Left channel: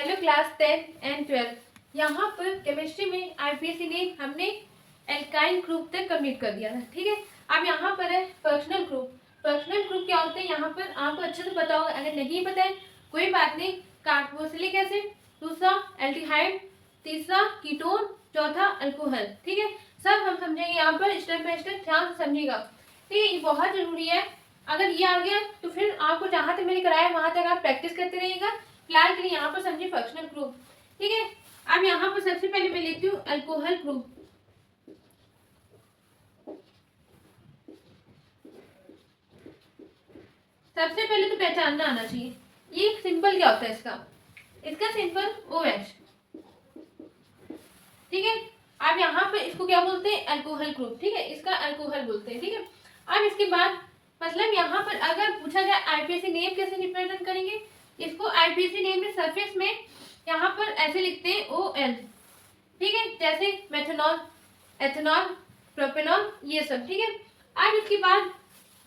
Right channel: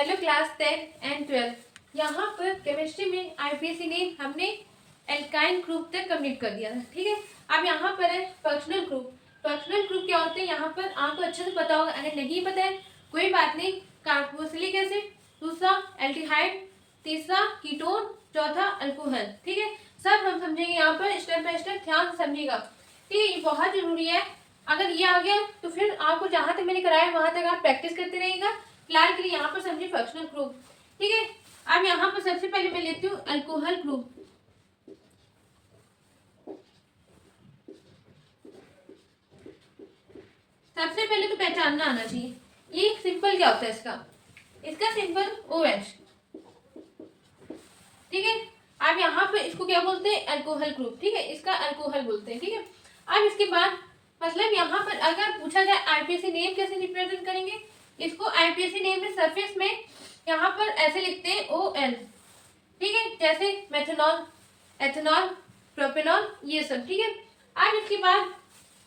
Hello class 10 and 12। यहाँ पर chemistry में आईपीएसी ने हमने एल्काइन ग्रुप तक कंप्लीट कर दिया था। ठीक है, अब यहाँ पर है फंक्शनल ग्रुप। फंक्शनल ग्रुप क्या होते हैं यहाँ पर आपको अच्छे से पता होगा, अगर नहीं पता है कोई बात नहीं। कार्बोक्सिलिक एसिड, दूसरा एल्डिहाइड, तीसरा कीटोन, चौथा अल्कोहल। ठीक है, सब हम समझेंगे यहाँ पर स्टेप बाय स्टेप, ध्यान से समझिएगा। ठीक है, ये बहुत जरूरी है। अगर ये आ गया तो फिर आपको जहाँ तक मैंने कराया वहां तक आप प्रैक्टिस करते रहिएगा। फिलहाल के लिए यहाँ पर समझिए फंक्शनल ग्रुप। ठीक है, अब यहाँ पर सबसे पहले मैं लेती हूँ अल्कोहल ग्रुप। सबसे पहले तो पहचानना आना चाहिए ये सिंपल क्या होता है इसका सिंपल OH। ठीक है, अब यहाँ पर इसको क्या बोलते हैं, अल्कोहल ग्रुप। ठीक है, इसका अल्कोहल बोलते हैं। ठीक है, अब इसके बाद मतलब यहाँ पर अगर पूछा जाए आईपीएसी नेम कैसे रिप्रेजेंट करेंगे, इसको आईपीएसी नेम में सरफेस में यहाँ पर ऐसे लिखते हैं OL। ठीक है, जैसे मेथनॉल, एथेनॉल, प्रोपेनॉल, ये सब। ठीक है, अब इसके बाद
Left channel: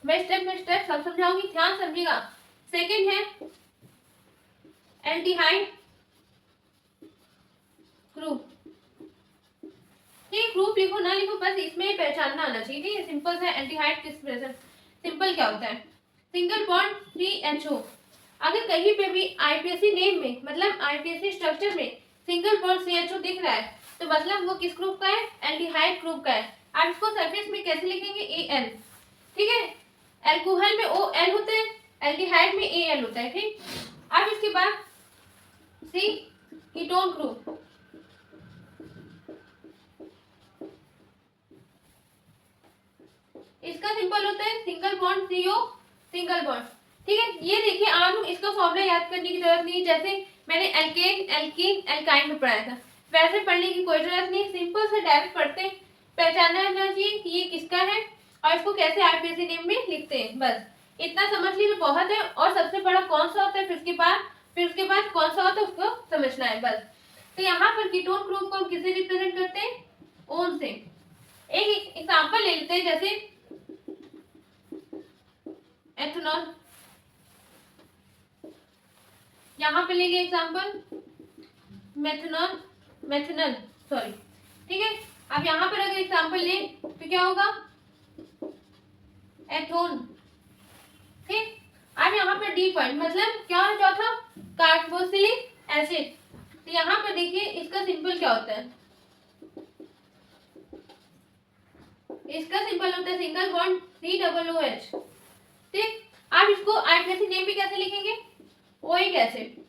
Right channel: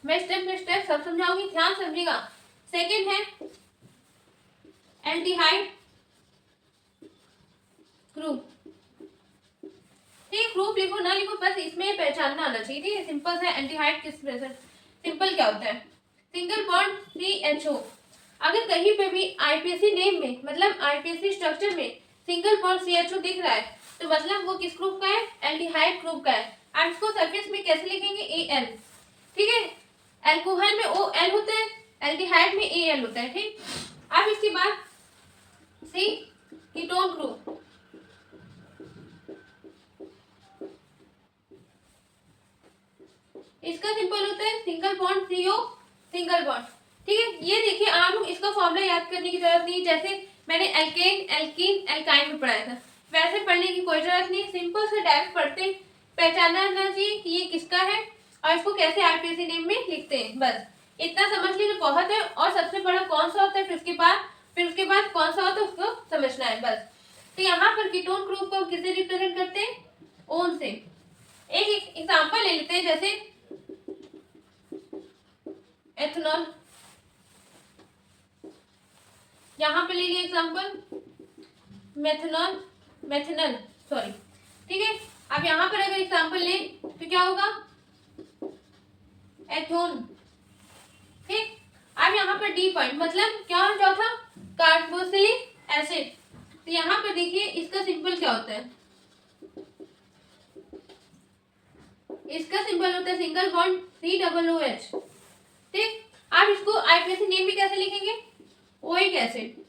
मैं स्टेप बाय स्टेप सब समझाऊंगी, ध्यान समझिएगा। सेकेंड है एल्डिहाइड ग्रुप। ठीक, ग्रुप लिखो ना लिखो, बस इसमें पहचानना आना चाहिए। ठीक है, सिंपल है एल्डिहाइड किस प्रेजेंट, सिंपल क्या होता है, सिंगल बॉन्ड CHO। अगर कहीं पे भी आईपीएसी नेम में मतलब आईपीएसी स्ट्रक्चर में सिंगल बॉन्ड CHO दिख रहा है तो मतलब वो किस ग्रुप का है, एल्डिहाइड ग्रुप का है। आप इसको सरफेस में कैसे लिखेंगे, AL। ठीक है, अल्कोहल में OL होता है, एल्डिहाइड में AL होता है। ठीक, अब इसके बाद सी कीटोन ग्रुप। इसका सिंपल होता है single bond CO, single bond. ठीक है, ये देखिए आप लोग इसका फॉर्मूला याद करने की जरूरत नहीं, जैसे मैंने एल्केन, एल्कीन, एल्काइन में पढ़ाया था वैसे पढ़ने की कोई जरूरत नहीं। सिंपल से डायरेक्ट पढ़ते, पहचानना चाहिए कि ये किसका है और इसको कैसे आईपीएसी नेम में लिखते हैं, बस इतना समझ लीजिए बहुत है। और सबसे बड़ा कौन सा होता है, फिर उसके बाद कौन सा होता है उसको समझना है बस। तो यहाँ पर कीटोन ग्रुप को किससे रिप्रेजेंट करते हैं, ओन से। एक एग्जाम्पल ले लेते हैं, जैसे एथेनॉल, यहाँ पे ले लिया एग्जाम्पल मेथनॉल, मेथनल सॉरी। ठीक है, अब यहाँ पर अगर एग्जाम्पल ले तो क्या होगा, एथोन। ठीक, अब यहाँ पर D पॉइंट मतलब क्या हो चौथा, कार्बोक्सिलिक एसिड। तो यहाँ पर देखिए इसका सिंबल क्या होता है, इसका सिंबल होता है सिंगल बॉन्ड COOH। ठीक, आप इसको आईपीएसी नेम भी कैसे लिखेंगे, ओइक एसिड।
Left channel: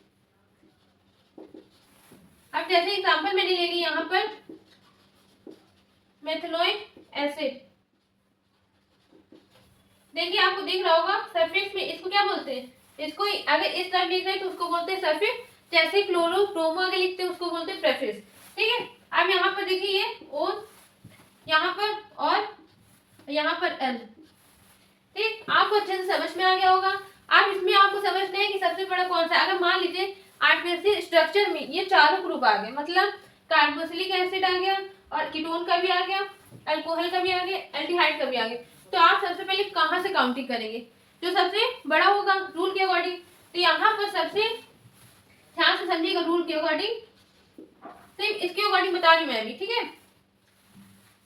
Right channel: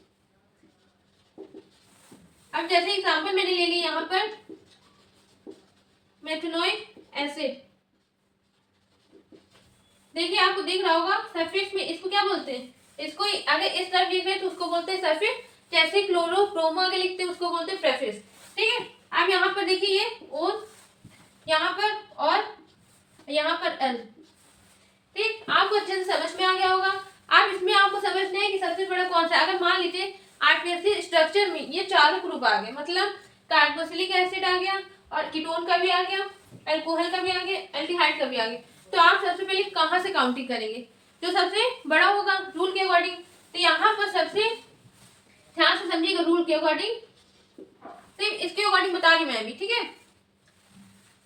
अब जैसे एग्जांपल मैंने ले ली यहाँ पर मेथनोइक एसिड। देखिए आपको दिख रहा होगा सरफेस में इसको क्या बोलते हैं, इसको अगर इस तरफ लिख रहे हैं तो उसको बोलते हैं सरफेस, जैसे क्लोरो ब्रोमो अगर लिखते हैं उसको बोलते हैं प्रेफेस। ठीक है, अब यहाँ पर देखिए ये ओन, यहाँ पर और यहाँ पर L। ठीक, आपको अच्छे से समझ में आ गया होगा। अब इसमें आपको समझना है कि सबसे बड़ा कौन सा, अगर मान लीजिए आईपीएसी स्ट्रक्चर में ये चारों ग्रुप आ गए, मतलब कार्बोक्सिलिक एसिड आ गया और कीटोन का भी आ गया, अल्कोहल का भी आ गया, एल्डिहाइड का भी आ गया, तो आप सबसे पहले कहाँ से काउंटिंग करेंगे, जो सबसे बड़ा होगा रूल के अकॉर्डिंग। तो यहाँ पर सबसे ध्यान से समझिएगा, रूल के अकॉर्डिंग सिर्फ इसके अकॉर्डिंग बता रही मैं अभी। ठीक है,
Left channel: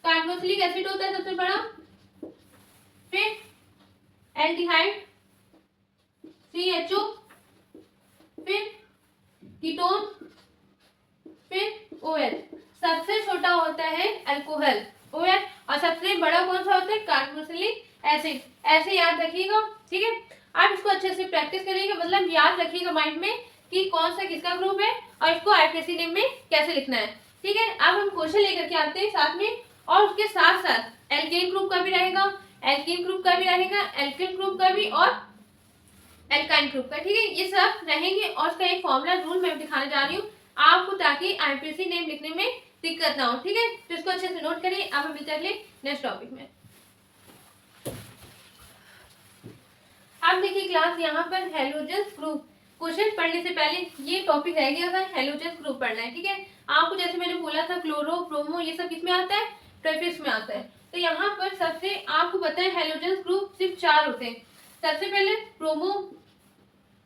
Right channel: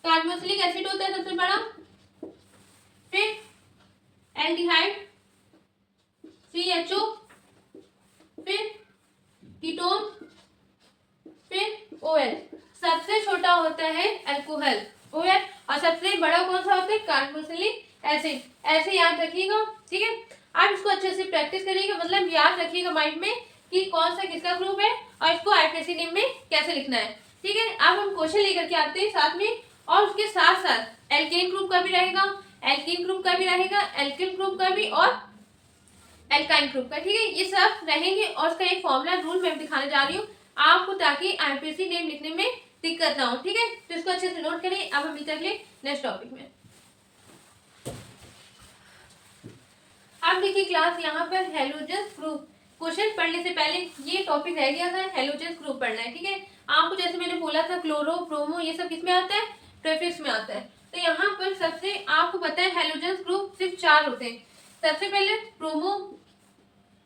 कार्बोक्सिलिक एसिड होता है सबसे बड़ा, फिर एल्डिहाइड CHO, फिर कीटोन, फिर OL। सबसे छोटा होता है अल्कोहल OH और सबसे बड़ा कौन सा होता है, कार्बोक्सिलिक एसिड। ऐसे याद रखिएगा। ठीक है, आप इसको अच्छे से प्रैक्टिस करिएगा, मतलब याद रखिएगा माइंड में कि कौन सा किसका ग्रुप है और इसको आईपीएसी नेम में कैसे लिखना है। ठीक है, अब हम क्वेश्चन लेकर के आते हैं साथ में, और उसके साथ साथ एल्केन ग्रुप का भी रहेगा, एल्कीन ग्रुप का भी रहेगा, एल्किन ग्रुप का भी और एल्काइन ग्रुप का। ठीक है, ये सब रहेंगे और उसका एक फॉर्मूला रूल मैं दिखाने जा रही हूँ आपको, ताकि आईपीएसी नेम लिखने में दिक्कत ना हो। ठीक है, तो इसको अच्छे से नोट करें। अब हम मिलते हैं अगले नेक्स्ट टॉपिक में। अब देखिए क्लास, यहाँ पर हेलोजन्स ग्रुप क्वेश्चन पढ़ने से पहले ये टॉपिक रह गया था, हेलोजन्स ग्रुप पढ़ना है। ठीक है, आपको जैसे मैंने बोला था क्लोरो ब्रोमो ये सब किसमें आता है, प्रेफिक्स में आता है। तो यहाँ पर सबसे आपको पता है हेलोजन्स ग्रुप सिर्फ 4 होते हैं। सबसे पहले ब्रोमो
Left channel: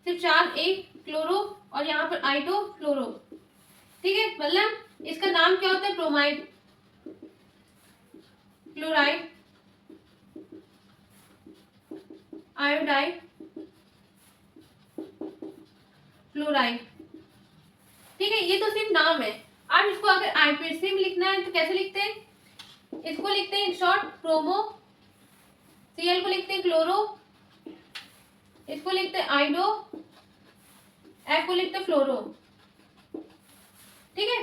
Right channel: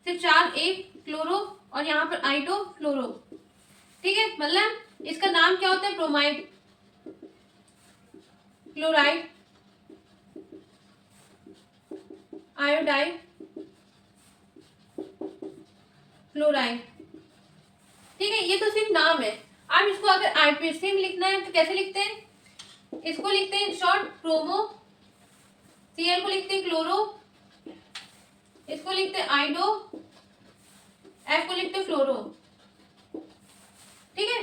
सिर्फ 4, एक क्लोरो और यहाँ पर आइडो फ्लोरो। ठीक है, मतलब इसका नाम क्या होता है, ब्रोमाइड, क्लोराइड, आयोडाइड, फ्लोराइड। ठीक है, ये तो सिर्फ नाम है। अब इसको अगर आईपीएससी में लिखना है तो कैसे लिखते हैं, इसको लिखते हैं शॉर्ट क्रोमो, सीएल को लिखते हैं क्लोरो, इसको लिखते हैं आइडो, एफ को लिखते हैं फ्लोरो। ठीक है,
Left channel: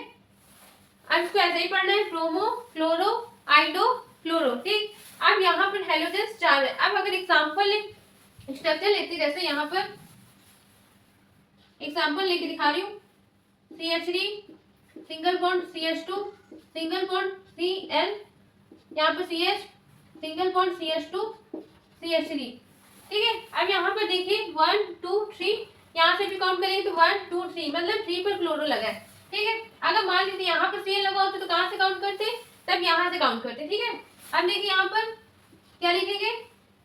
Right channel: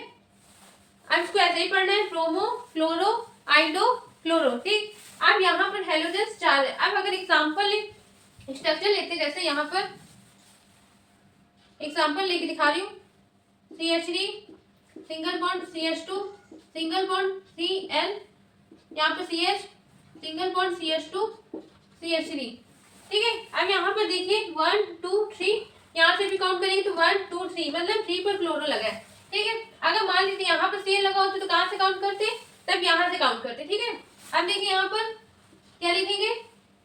अब इसको ऐसे ही पढ़ना है, क्रोमो, फ्लोरो, आइडो, फ्लोरो। ठीक, अब यहाँ पर हेलोजन्स 4 है। अब अगर एग्जाम्पल स्ट्रक्चर लेते, जैसे यहाँ पर एग्जाम्पल लेके दिखा रही हूँ, CH3 single bond CH2 single bond Cl, यहाँ पर CH single bond CH2 CH3। ठीक है, अब यहाँ पर देखिए 1 2 3, यहाँ से भी काउंट करेंगे तो 1 2 3, मतलब 3 पर क्लोरो लगा है। ठीक है, अगर मान लीजिए यहाँ पर Cl लगा होता तो कहाँ से काउंट करते, तब यहाँ से काउंट करते। ठीक है, अब देखिए यहाँ पर क्या लिखेंगे,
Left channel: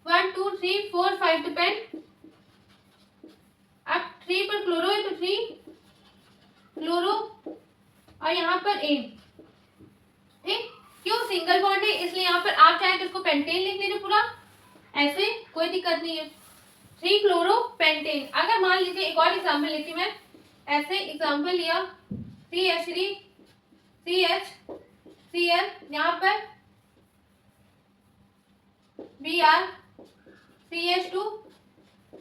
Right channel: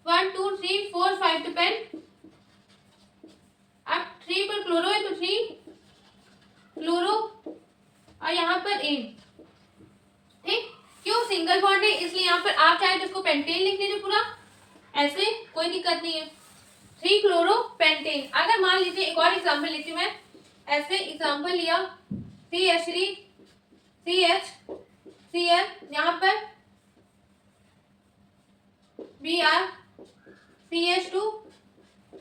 1 2 3 4 5 तो पेन, अब 3 पर क्लोरो है तो 3 क्लोरो और यहाँ पर इन। ठीक, क्यों, सिंगल बॉन्ड है इसलिए यहाँ पर आप चाहे तो इसको पेंटेन लिख लीजिए पूरा, ऐसे कोई दिक्कत नहीं है, 3 क्लोरो पेंटेन। अगर मान लीजिए एक और एग्जांपल लेती हूँ मैं, ऐसे एग्जांपल लिया CH3 CH Cl, यहाँ पर Br CH2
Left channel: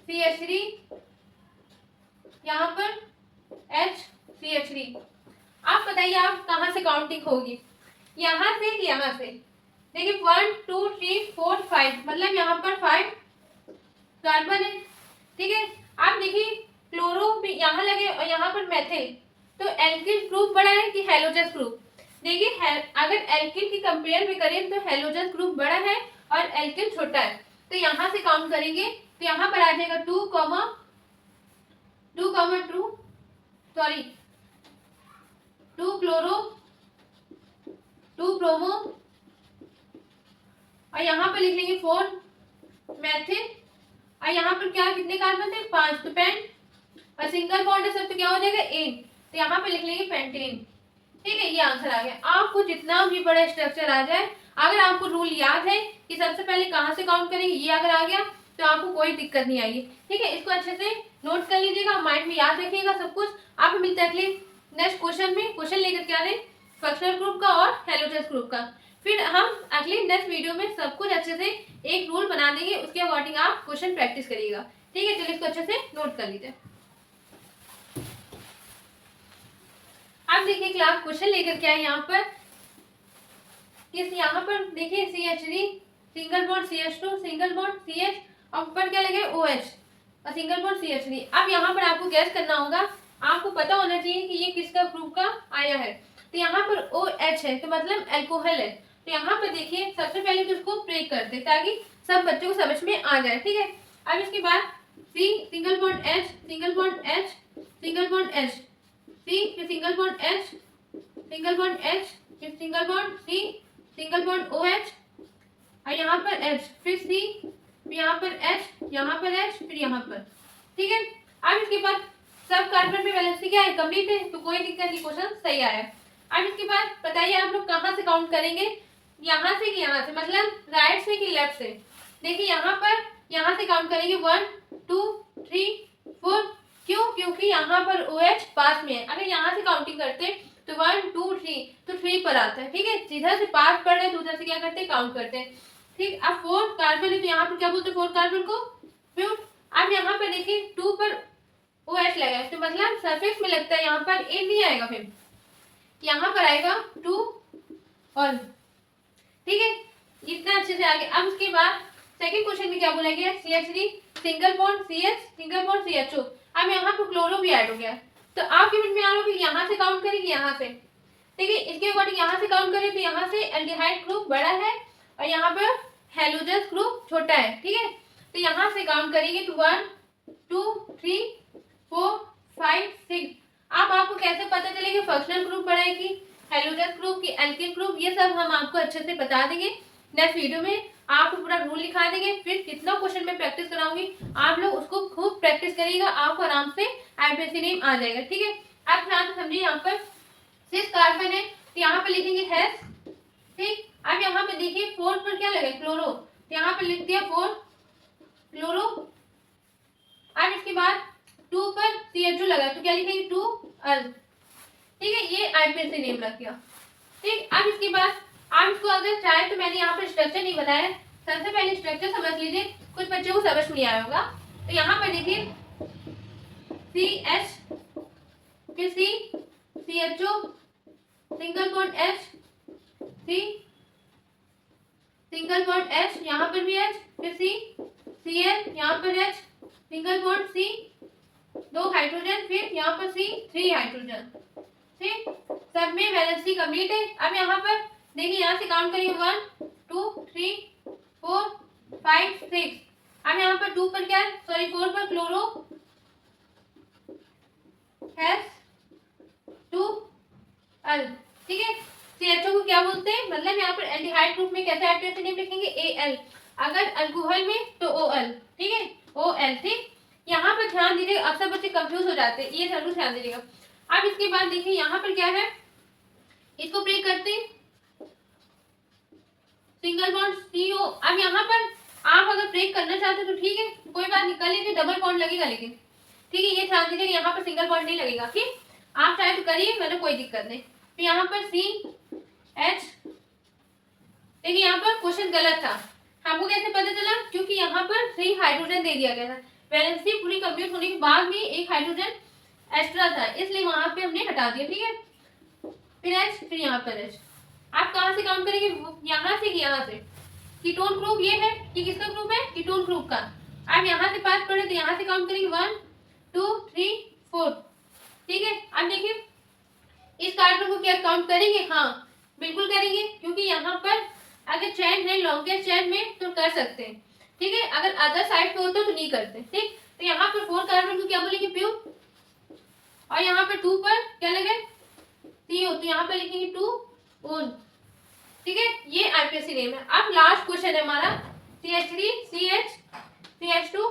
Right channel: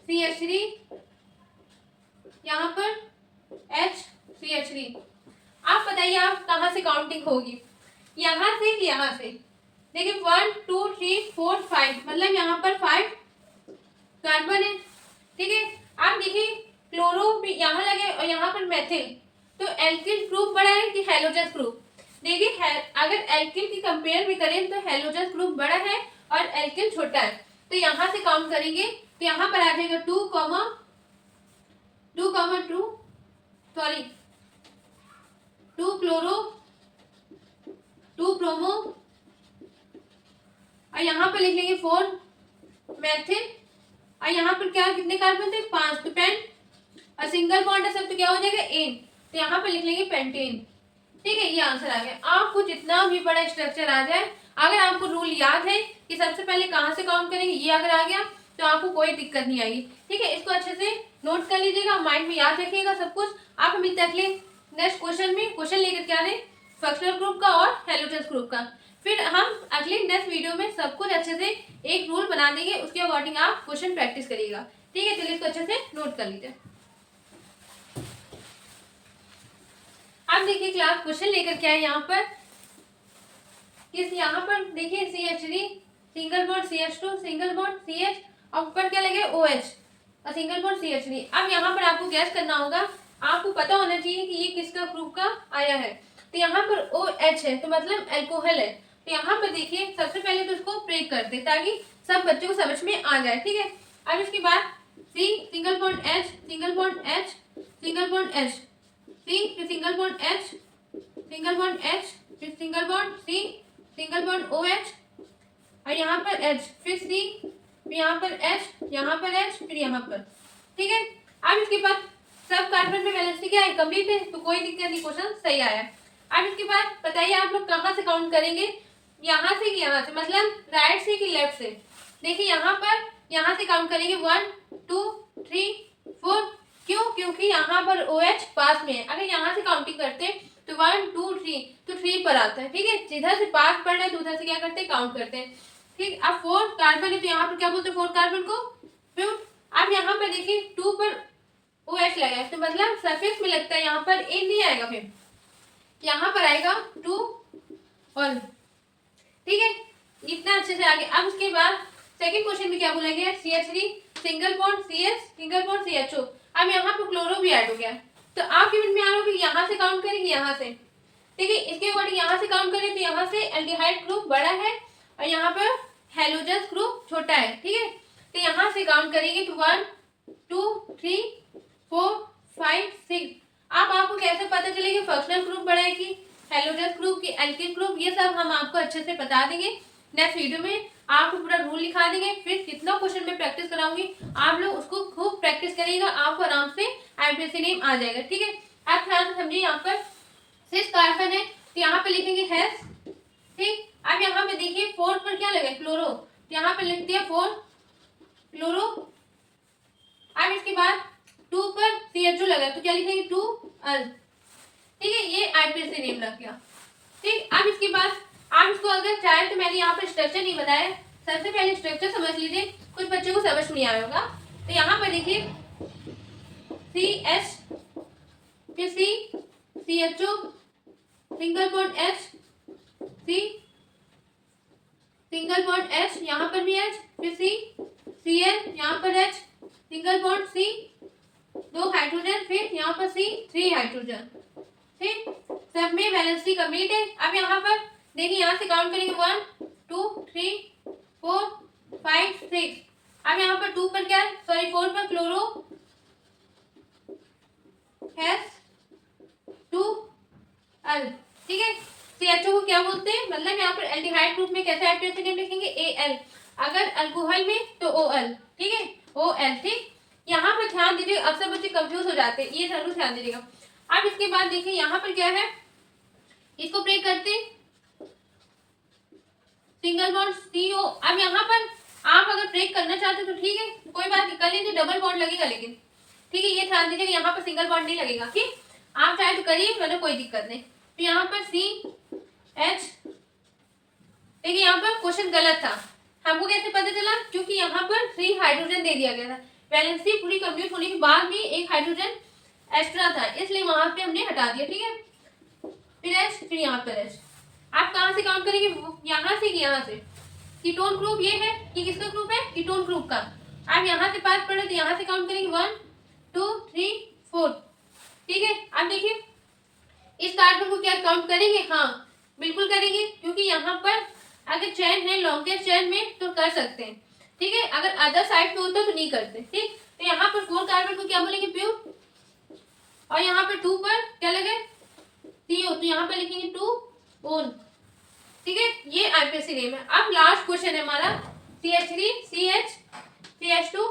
CH3, यहाँ पर H CH3। आप बताइए आप कहाँ से काउंटिंग होगी, यहाँ से कि यहाँ से। देखिए 1 2 3 4 5, मतलब यहाँ पर 5 कार्बन है। ठीक है, आप देखिए क्लोरो भी यहाँ लगे और यहाँ पर मेथिल, तो एल्किल ग्रुप बड़ा है कि हेलोजस ग्रुप। देखिए अगर एल्किल की कंपेयर भी करें तो हेलोजस ग्रुप बड़ा है और एल्किल छोटा है, तो यहाँ से काउंट करेंगे तो यहाँ पर आ जाएगा 2 क्लोरो 2 ब्रोमो और यहाँ पर लिख लेंगे 4 मेथिल और यहाँ पर क्या कितने कार्बन थे, 5, तो पेन और सिंगल बॉन्ड है सब, तो क्या हो जाएगा एन, तो यहाँ पर लिख लेंगे पेंटेन। ठीक है, ये आंसर आ गया। आपको जितना भी बड़ा स्ट्रक्चर आ जाए, अगर आपको रूल याद है कि सबसे पहले कहाँ से काउंट करेंगे, ये अगर आ गया तो आपको कोई दिक्कत नहीं आएगी। ठीक है, इसको अच्छे से नोट कर लीजिएगा, माइंड में याद रखिएगा सब कुछ। आप मिलते हैं अगले नेक्स्ट क्वेश्चन में, क्वेश्चन लेकर के आने फंक्शनल ग्रुप का और हेलोजस ग्रुप का। फिर हम अगले नेक्स्ट वीडियो में सब कुछ अच्छे से एक रूल बना देंगे, उसके अकॉर्डिंग आप क्वेश्चन प्रैक्टिस करिएगा। ठीक है, चलिए इसको अच्छे से नोट कर लीजिए। अब देखिए क्लास क्वेश्चन लेकर के आए यहाँ पर, किस यहाँ पर देखिए CH3 single bond CH2 single bond CH और ऊपर क्या लगे OH और सिंगल बॉन्ड CH3। अब यहाँ पर आपको गैस करना होगा, आपको पता होना चाहिए कि ये किसका ग्रुप का आया है। तो यहाँ पर OH है तो मतलब अल्कोहल है, तो यहाँ पर देखिए सबसे पहले तो इसको ब्रेक करते ताकि सब बच्चों को समझ में आ जाए। ठीक है, अब इसके बाद C single bond H single bond H single bond H C फिर single bond H single bond H फिर single bond C single bond OH और यहाँ पर H फिर C फिर यहाँ पर H यहाँ पर H फिर यहाँ पर। ठीक है, अब इसके बाद सब कार्बन में वैलेंसी क्या है, कंप्लीट है, तो कोई दिक्कत नहीं, क्वेश्चन सही आया है। अब इसके बाद बताइए आप लोग कहाँ से काउंट करेंगे, यहाँ से कि यहाँ से, मतलब राइट से कि लेफ्ट से। देखिए यहाँ से काउंट करेंगे 1 2 3 4, क्यों, क्योंकि यहाँ पर OH पास में है। अगर यहाँ से काउंटिंग करते तो 1 2 3 तो 3 पर आता है। ठीक है, जिधर से पास पड़ रहे हैं तो उधर से क्या करते हैं, काउंट करते हैं। ठीक, अब 4 कार्बन है तो यहाँ पर क्या बोलते हैं, 4 कार्बन को प्यूट। अब यहाँ पर देखिए 2 पर OH लगा है तो मतलब सफिक्स में लगता है, यहाँ पर ए नहीं आएगा, फिर यहाँ पर आएगा 2 और। ठीक है, इतना अच्छे से आगे। अब उसके बाद सेकंड क्वेश्चन में क्या बोलेंगे, CH3 single bond CH single bond CHO। अब यहाँ पर क्लोरो भी ऐड हो गया, तो आपके मन में आ रहा है कि यहाँ से काउंट करेंगे, यहाँ से। ठीक है, इसके अकॉर्डिंग यहाँ से काउंट करें तो यहाँ से एल्डिहाइड ग्रुप बड़ा है और यहाँ पर हेलोजस ग्रुप छोटा है। ठीक है, तो यहाँ से काउंट करेंगे तो 1 2 3 4 5 6। अब आपको कैसे पता चलेगा फंक्शनल ग्रुप बड़ा है कि हेलोजस ग्रुप की एल्किल ग्रुप, ये सब हम आपको अच्छे से बता देंगे नेक्स्ट वीडियो में। आपको पूरा रूल लिखा देंगे, फिर कितना क्वेश्चन में प्रैक्टिस कराऊंगी, आप लोग उसको खूब प्रैक्टिस करिएगा, आपको आराम से आईपीएससी नेम आ जाएगा। ठीक है, अब ध्यान से समझिए, यहाँ पर 6 कार्बन है तो यहाँ पे लिखेंगे हैश। ठीक, अब यहाँ पे देखिए 4 पर क्या लगे, क्लोरो, तो यहाँ पे लिख दिया 4 क्लोरो। अब इसके बाद 2 पर CHO लगा तो क्या लिखेंगे 2 अल। ठीक है, ये आईपीएससी नेम लग गया। ठीक, अब इसके बाद आप इसको अगर चाहे तो मैंने यहाँ पर स्ट्रक्चर नहीं बताया, सबसे पहले स्ट्रक्चर समझ लीजिए, कुछ बच्चों को समझ नहीं आया होगा। तो यहाँ पर देखिए CH फिर C CHO single bond H C single bond H, यहाँ पर भी H, फिर C Cl, यहाँ पर H single bond C 2 hydrogen, फिर यहाँ पर C 3 हाइड्रोजन। ठीक, सब में वैलेंसी कंप्लीट है। अब यहाँ पर देखिए, यहाँ से काउंट करेंगे 1 2 3 4 5 6। अब यहाँ पर 2 पर क्या है, सॉरी 4 पर क्लोरो हैश 2 अल। ठीक है, CHO को क्या बोलते हैं, मतलब यहाँ पर एल्डिहाइड ग्रुप में कैसे आईपीएससी नेम लिखेंगे Al, अगर अल्कोहल में तो OL। ठीक है, OL। ठीक, यहाँ पर ध्यान दीजिए, अक्सर बच्चे कंफ्यूज हो जाते हैं, ये जरूर ध्यान दीजिएगा। अब इसके बाद देखिए यहाँ पर क्या है, इसको ब्रेक करते सिंगल बॉन्ड CO। अब यहाँ पर आप अगर ब्रेक करना चाहते हैं तो ठीक है, कोई बात नहीं, कर लीजिए, डबल बॉन्ड लगेगा लेकिन। ठीक है, ये ध्यान दीजिए यहाँ पर सिंगल बॉन्ड नहीं लगेगा। ठीक, आप चाहे तो करिए, मतलब कोई दिक्कत नहीं। तो यहाँ पर CH, देखिए यहाँ पर क्वेश्चन गलत था, हमको कैसे पता चला, क्योंकि यहाँ पर 3 हाइड्रोजन दे दिया गया था, वैलेंसी पूरी कंप्लीट होने के बाद भी एक हाइड्रोजन एक्स्ट्रा था, इसलिए वहां पे हमने हटा दिया। ठीक है, फिर H, फिर यहाँ पर H। आप कहाँ से काउंट करेंगे, यहाँ से कि यहाँ से, कीटोन ग्रुप ये है, ये किसका ग्रुप है, कीटोन ग्रुप का। आप यहाँ से 5 पढ़े तो यहाँ से काउंट करेंगे 1 2 3 4। ठीक है, अब देखिए इस कार्बन को क्या काउंट करेंगे, हाँ बिल्कुल करेंगे, क्योंकि यहाँ पर अगर चैन है लॉन्गेस्ट चैन में तो कर सकते हैं। ठीक है, अगर अदर साइड पे होता तो नहीं करते। ठीक, तो यहाँ पर 4 कार्बन को क्या बोलेंगे, प्योर, और यहाँ पर 2 पर क्या लगे CO, तो यहाँ पर लिखेंगे 2 ओन। ठीक है, ये आईपीएससी नेम है। अब लास्ट क्वेश्चन है हमारा CH3 CH CH2।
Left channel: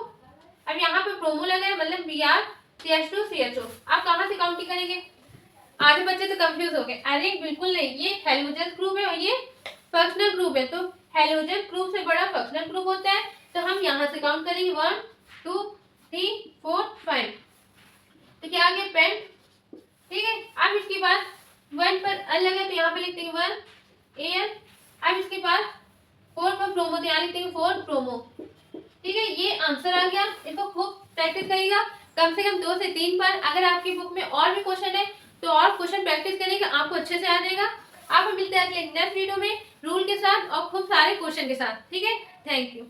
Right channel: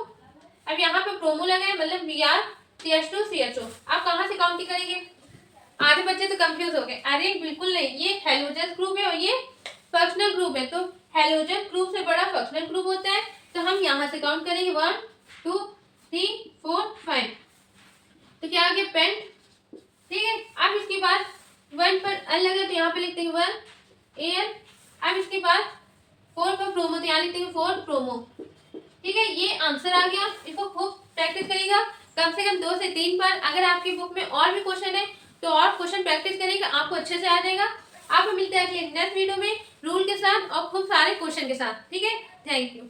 अब यहाँ पे प्रोमो लगा है, मतलब Br CH2 CHO। आप कहाँ से काउंटिंग करेंगे, आधे बच्चे तो कंफ्यूज हो गए, अरे बिल्कुल नहीं, ये हेलोजन ग्रुप है और ये फंक्शनल ग्रुप है, तो हेलोजन ग्रुप से बड़ा फंक्शनल ग्रुप होता है, तो हम यहाँ से काउंट करेंगे 1 2 3 4 5। तो क्या आ गया, पेंट। ठीक है, अब इसके बाद 1 पर अल लगा तो यहाँ पे लिखते हैं 1 Al। अब इसके बाद 4 पर प्रोमो तो यहाँ लिखते हैं 4 प्रोमो। ठीक है, ये आंसर आ गया, इसको खूब प्रैक्टिस करिएगा, कम से कम 2 से 3 बार। अगर आपकी बुक में और भी क्वेश्चन है तो और क्वेश्चन प्रैक्टिस करेंगे, आपको अच्छे से आ जाएगा। आप मिलते हैं अगले नेक्स्ट वीडियो में रूल के साथ और खूब सारे क्वेश्चन के साथ। ठीक है, थैंक यू।